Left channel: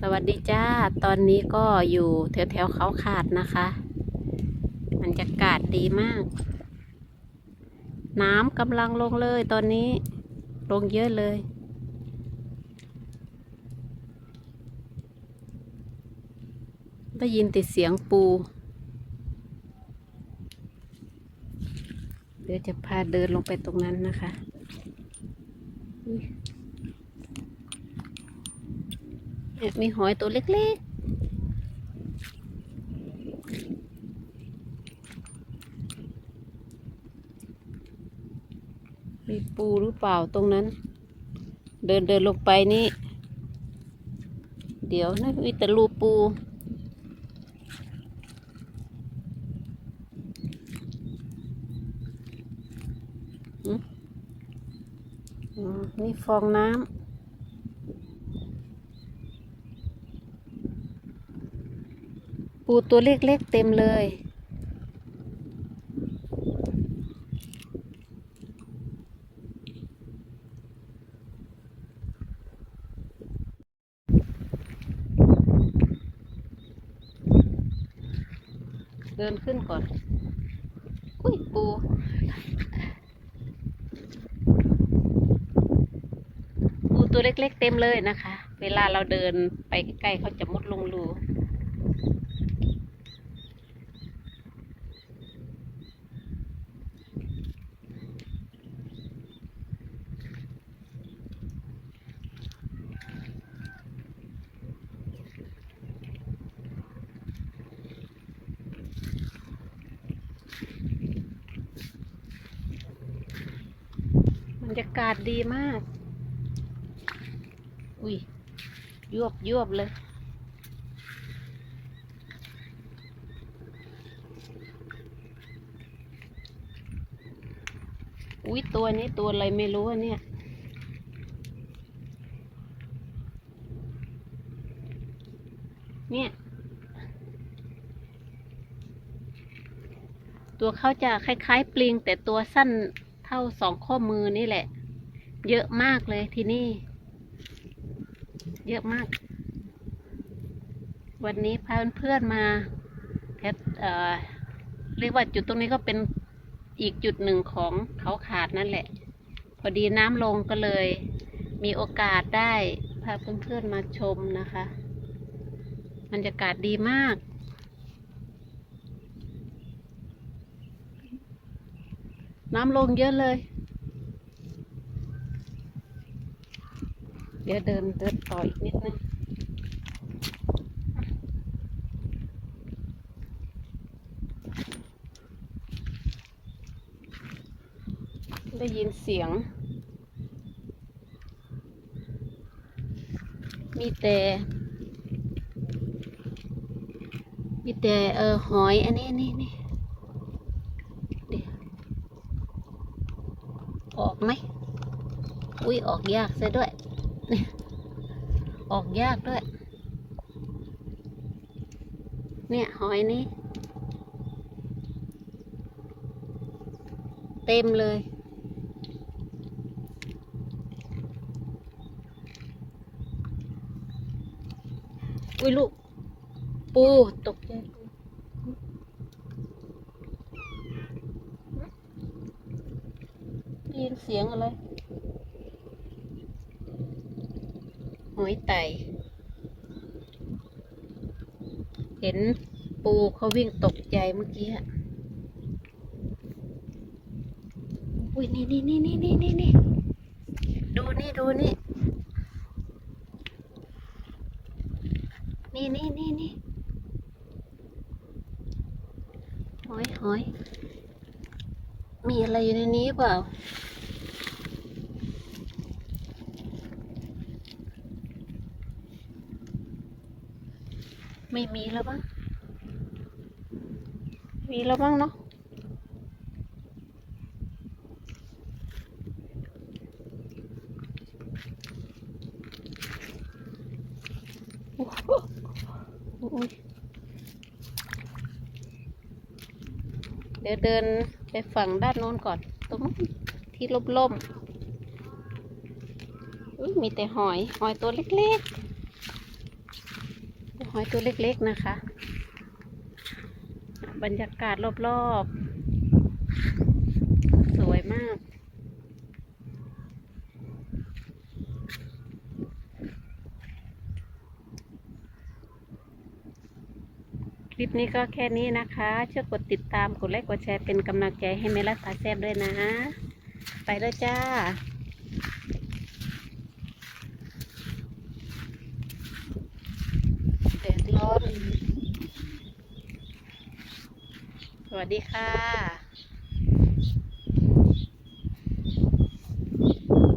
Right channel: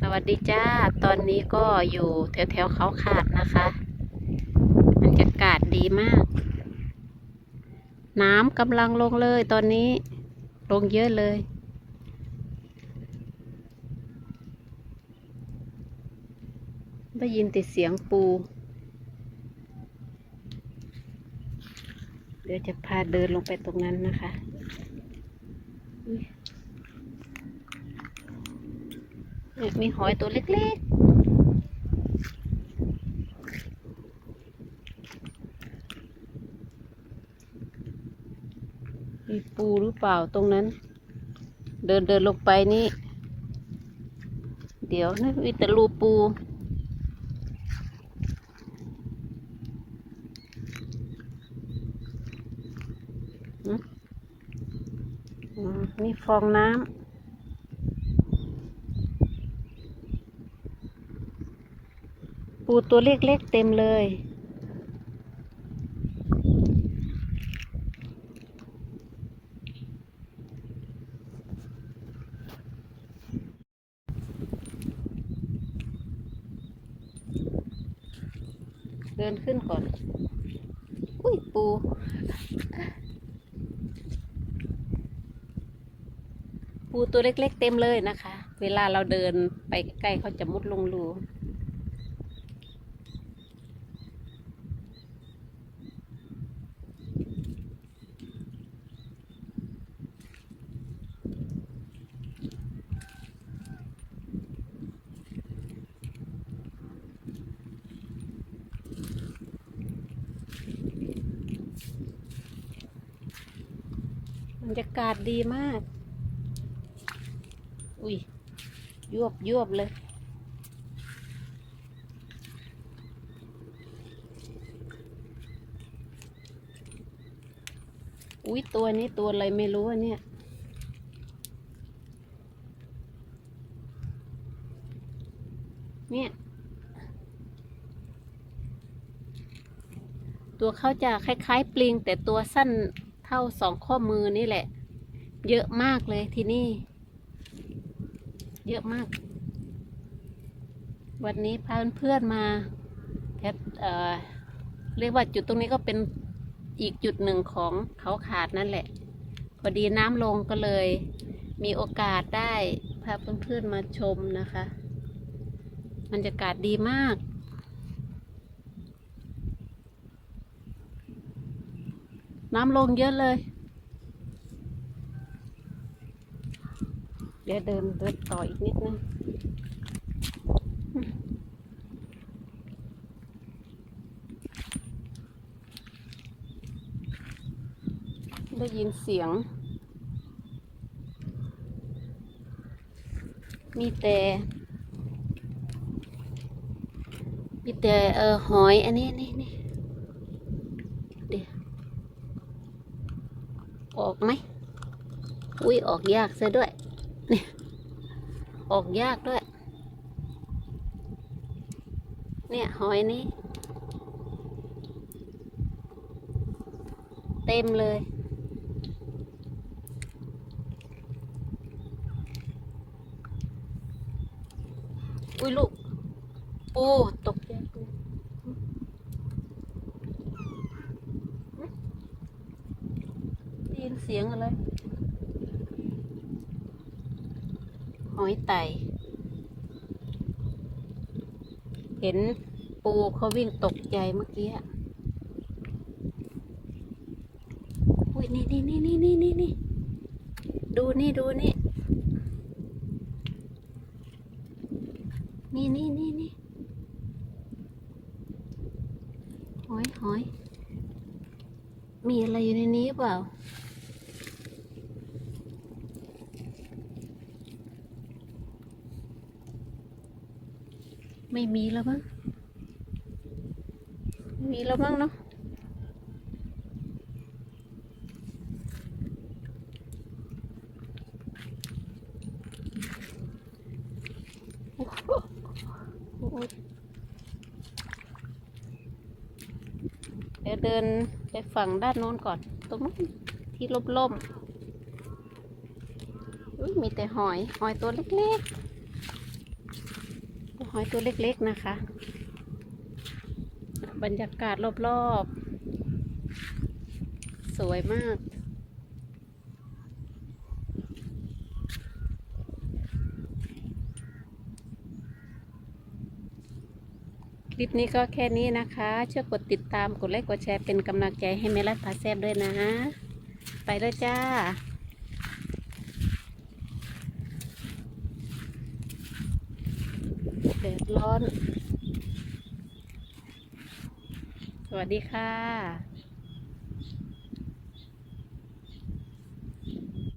สวัสดีจ้า ตอนนี้ก็อยู่แถวแถวๆเขาขาดนะคะบรรยากาศดีมาก น้ำกำลังลงเลยตอนนี้ ลงเยอะเลย ได้ยินแต่เสียงปู เดี๋ยวจะพาเดินลงไปตรงนั้นนะคะ เนี่ยมีหอยตัวเล็กๆ มีปูหรือเปล่าตรงนั้น เดินเดินลงไปนี่ เดี๋ยวนะมีแต่รูปูมีฟองน้ำ ปูตัวเล็กๆเต็มเลย เดินขึ้นก่อน อุ้ยปูปูตัวเล็กๆเต็มเลยนะคะ เวลาเราเดินไปใกล้ๆเขาจะมุดลงรูากาศดีมาก อุ้ยยวบยวบเลย อุ้ยตัวนี้ตัวอะไรไม่รู้อเนี่ยเนี่ยตัวเขาจะคล้าย ๆ ปลิง แต่ตัวสั้นเท่าสองข้อมือนี่แหละ เยอะมากเลยที่นี่ เยอะมาก วันนี้พาเพื่อนมาแพทเอ่อเรียกว่าจุดตรงนี้ก็เป็นอีกจุดหนึ่งของเขาขาดนั่นแหละ พอดีน้ำลงก็เลย มีโอกาสได้พาเพื่อนๆมาชมนะคะบรรยากาศดีมาก น้ำลงเยอะเลย เดี๋ยวเดินเดินต่ออีกนิดนึงได้ยินเสียง มีแต่มีแต่เออหอยอันนี้นี่นี่เดี๋ยวออกไหม อุ้ยออกยากซะด้วย ออกยากด้วย เนี่ยหอยนี้ เต็มเลย อุ้ยลูก ปูตกใจปูได้ยินเสียงอะไร หอยไตเห็นปูเขาวิ่งตกใจเมื่อกี้อุ้ยนี่นี่นี่นี่นี่นี่นี่ดูนี่ดูนี่ นี่นี่นี่นี่หอยหอยมีอะไรอยู่ในนี้เปล่า ไม่มีแล้วมั้งไม่มีแล้วมั้งเนาะโอ้โหเดี๋ยวเดินไปฝั่งด้านโน้นก่อน ตรงนู้นที่ล่มๆมีแต่หอย หอยตัวเล็กๆ หอยตัวเล็กๆนะคะ บรรยากาศรอบๆ สวยมาก คลิปนี้ก็แค่นี้นะคะช่วยกดติดตามกดไลค์กดแชร์เป็นกำลังใจให้เมลัดพาแซบด้วยนะ ไปเลยจ้า แดดร้อน สวัสดีค่ะ